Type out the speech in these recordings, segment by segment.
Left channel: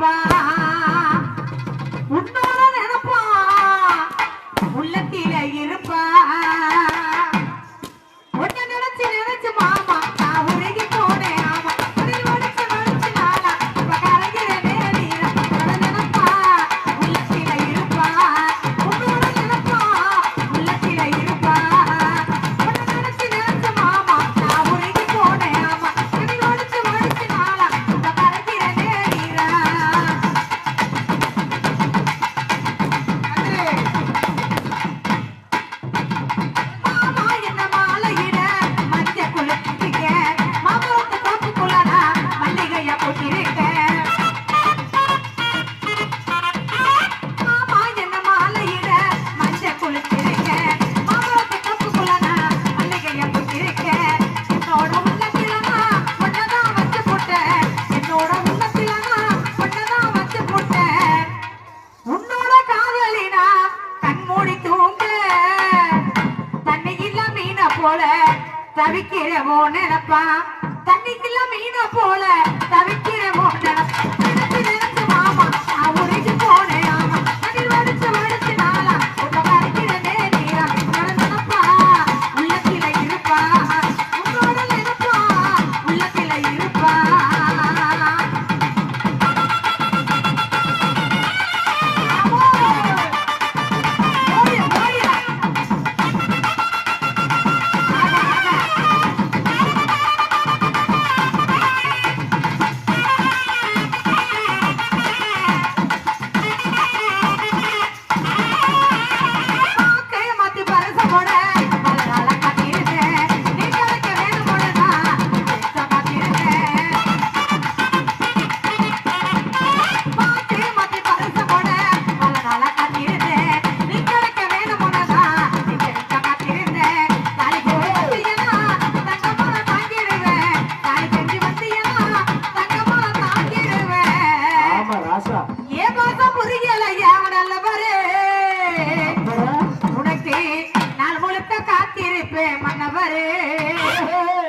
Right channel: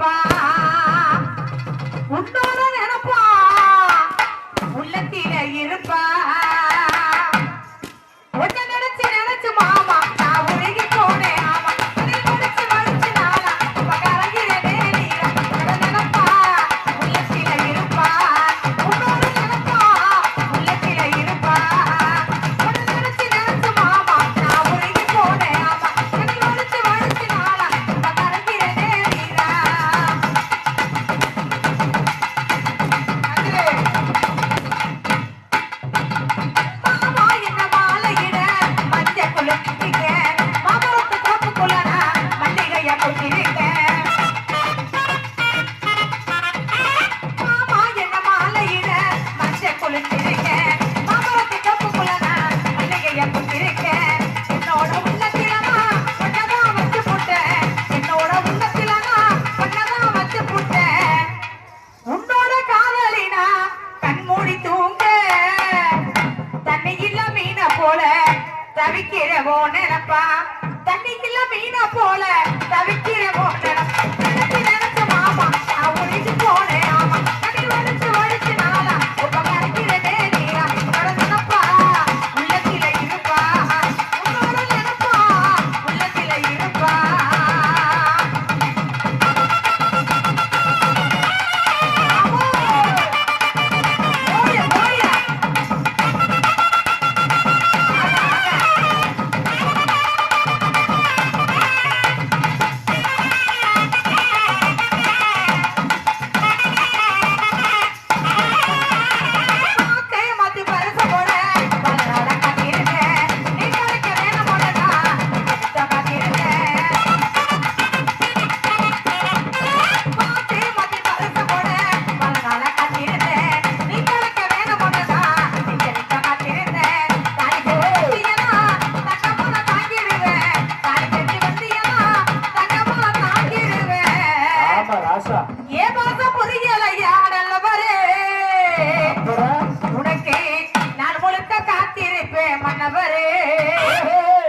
இருப்பா உன்னோட நினைப்பா உள்ளத்தில இருப்பா ஒன்னு நினைச்சு நினைச்சு மாமா நான் உருகி போனேன் ஆமா வடிச்சு வடிச்சு நாளா இப்ப கலங்கிறதே நீரா நினைப்பா உள்ளத்தில இருப்பா உன்னோட நினைப்பா உள்ளத்தில இருப்பா ஒன்னு நினைச்சு நினைச்சு மாமா நான் உருகி போனேன் ஆமா வடிச்சு வடிச்சு நாளா இப்ப கலங்கிறதே நீரா தவிக்கிறவோ நினைப்பா தண்ணிக்குள்ள மீன போல தவிக்கிறவோ நினைச்சு மாமா நான் உருகி போனேன் ஆமா அதில் வடிச்சு வடிச்சு நாளா உங்க மறைக்கிறதே நீரா நினைப்பா உள்ளத்தில இருப்பா உங்களோட நினைப்பா உள்ளத்தில இருப்பா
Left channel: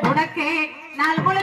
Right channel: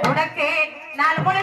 உனக்கு நாள் முழு